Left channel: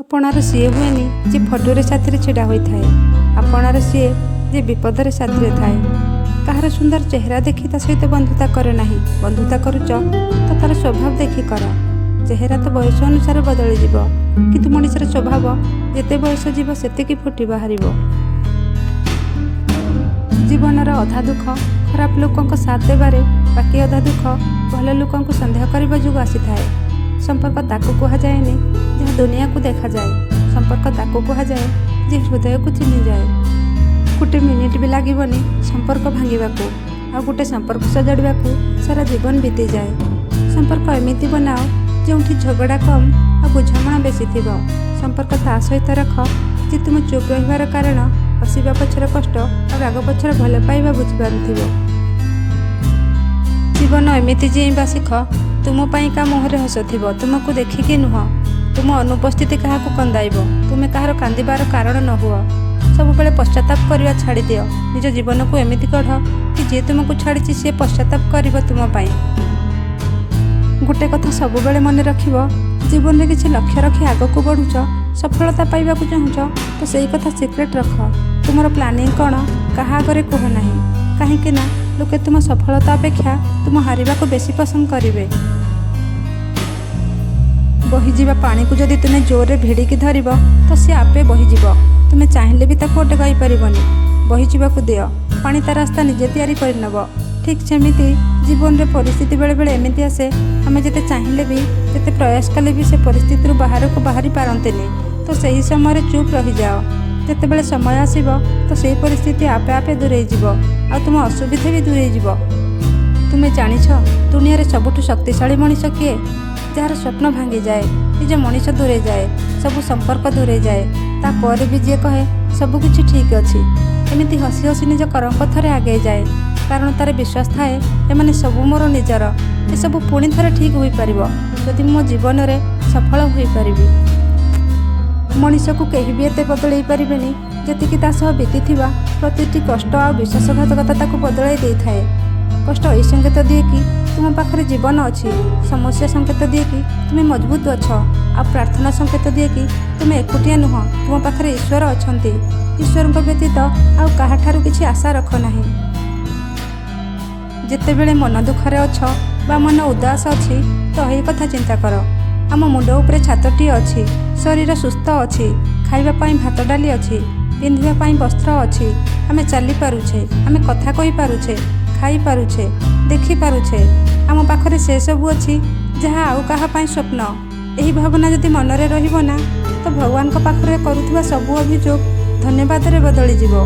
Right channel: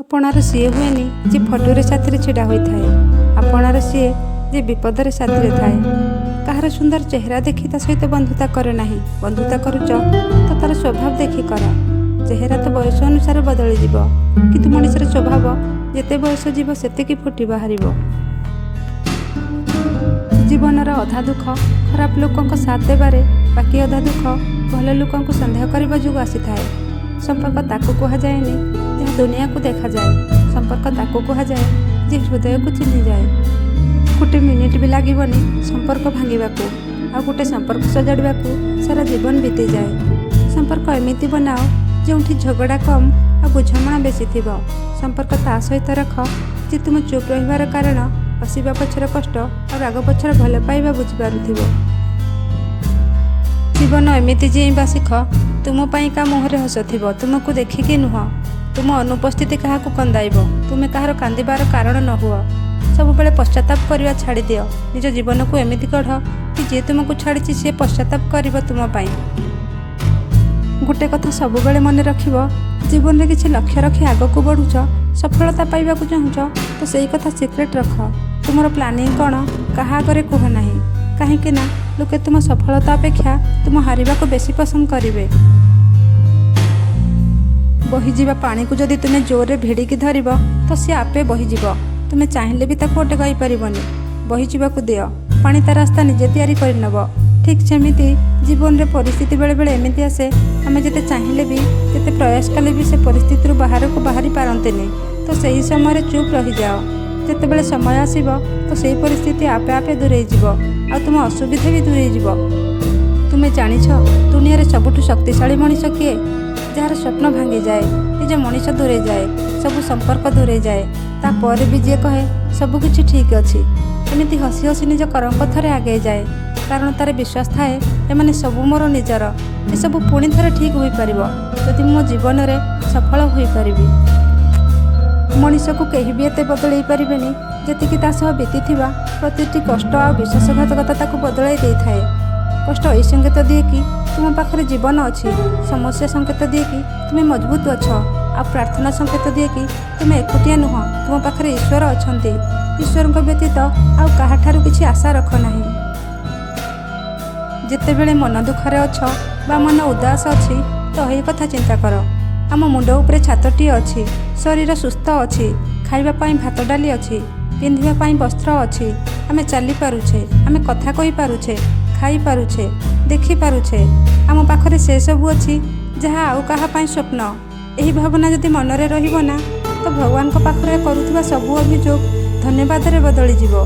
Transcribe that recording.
आपणार CA हुएनि जे फटोरे साथी छिड़ा होता है। आपणार सीए जे विपदर साथी थाए। कहार सुंदर चेहरा देखी ता सहित बंधुता करे नाही। बंधुता करुच तो तार स्वभाव देखी कर। चेहरा तो बयस अनुसार बदली जीव, किंतु मनुष्यर स्वभाव जेते बयस जीव सेतिकी फुटी बाहर। जीवनर अधा दुख खराब लोकों साथ देबारे, बाकी अधा दुख भल लोकों संदेह करने जो आसी थाए। संपर्क ताकू कह जाएनि जहाँ दुनिया को देखा जाए। संपर्क ताकू कह जाए जे हृदय को चिन्हि जाए। गोटे मिनिट भी लगभग संपर्क भांगवाकू आ गोटे संपर्क सजाड़वाकू सारा जीवन बीती जाए। संपर्क एमिति बनाओ जो झगड़ा कम आ बुझामणा बेसी थिबो। संपर्क ता सहित रख जे तुम चुप रहिबार कारण हसिबा पछर कष्ट और राग पछर भल पाइबा बुझिपारुथिबो। जीवन एमिति जीवा शिख। तुम का मुहरे हस थिबो, तुमको देखिकी नुह। तुम अनुपस्थिति क्या कंदाइब। तुम कहार कांदिबार कारण न हुआ। सब बेले पश्चाताप करवा छाड़ी दियो। निज जीवन को एमिति गढ़ कि जे तुमको छाड़ी सी पश्चाताप कर तुम पाई। गोटे कथा सब बेले मन रखिबो, जीवन में किसी लक्ष्य रखी आग को बढ़ुच, सफलता पाइबा चाहूच तो सही कथा सिक्रेट रख। तुमर प्लानिंग कौन कहा आगे कह ना, कहीं लोके तुम सफलता अपेक्षा तुम हारिबा को बेसी पसंद करेंगे। बहीजा पानी को जदि तुम्हें जोर भिड़िकी धर तो सी आपे बहीज। तुम्हें चाहिए भी ताको अटकाई पारबनी। बहीजा दियो, पानी ता रास्ता निजे तैयारी करनब। ठीक सेमिति जीवन रे परिस्थिति बेले बेले एमिति आसे, आमे जेते चाहिए भी जेते प्रयास कले भी से परिस्थिति बाहर को बाहरी पारंतेनी। तो सही समय चुप रही जाओ। जेते बेले समय आसीबो तो सही परिस्थिति आपे आपे दूरे जीव आ तुम असुविधा भी दूरे जीव। तुम्हें जानिछ दुनिया रे सबुठु शक्तिशाली मनीष किए? जार स्वप्न भांगी जाए, निज मनीष दूरे जाए, सबू संपर्क दूरे जाए, तापर भी जी कहे सबकिछि ठीक अच्छी। एमिति हसी हसी निज कर्म पथरे आगे जाए, कारण तार विश्वास थाए एमाने सबू मोर निजर। ए सबू पुणी थरे ठीक हो पारिबो जदि मो जीवन रे सफल होई परिबी। मनीष को कहीं भी एते बदलई पारिबेनी जेतिकी ता सह बीतीथिबा प्रतिटी कष्ट आ विश्वासघातकता ताकू बदलाई देई थाए। कष्ट एई संकेत दिए कि तुम पाखरे जीवन अच्छी। समस्या संकेत दिए कि तुम मजबूत अछ। आ प्रार्थना संकेत दिए कि तुम एकुटिया नुह, तुम पाखरे ईश्वर अछंती। ईश्वर व्यतीत आउ काहाठारु किछि आशा रख नाही। जेते बेले मन दुखरे अछ बा मन उदास अछि तो एही कथा चिंता कर। आम मुंड उपरे छातटी अच्छी, शरीर सुस्थ अच्छी, खाइबा पाई भात डाली अच्छी, पिंधिबा पाई वस्त्र अच्छी, आमे चली पारुछे, आमे कथा कहि पारुछे, खाई पारुछे, देखि पारुछे। आम पाखरे से सबु अच्छी जहाँ आउ काहा पाई स्वप्न। एही भावना जदि मनरे रहिबो ना तो भगवान को पाखरे करुथिबा सबु अभियोग धन्यवाद रे बदली जीवो।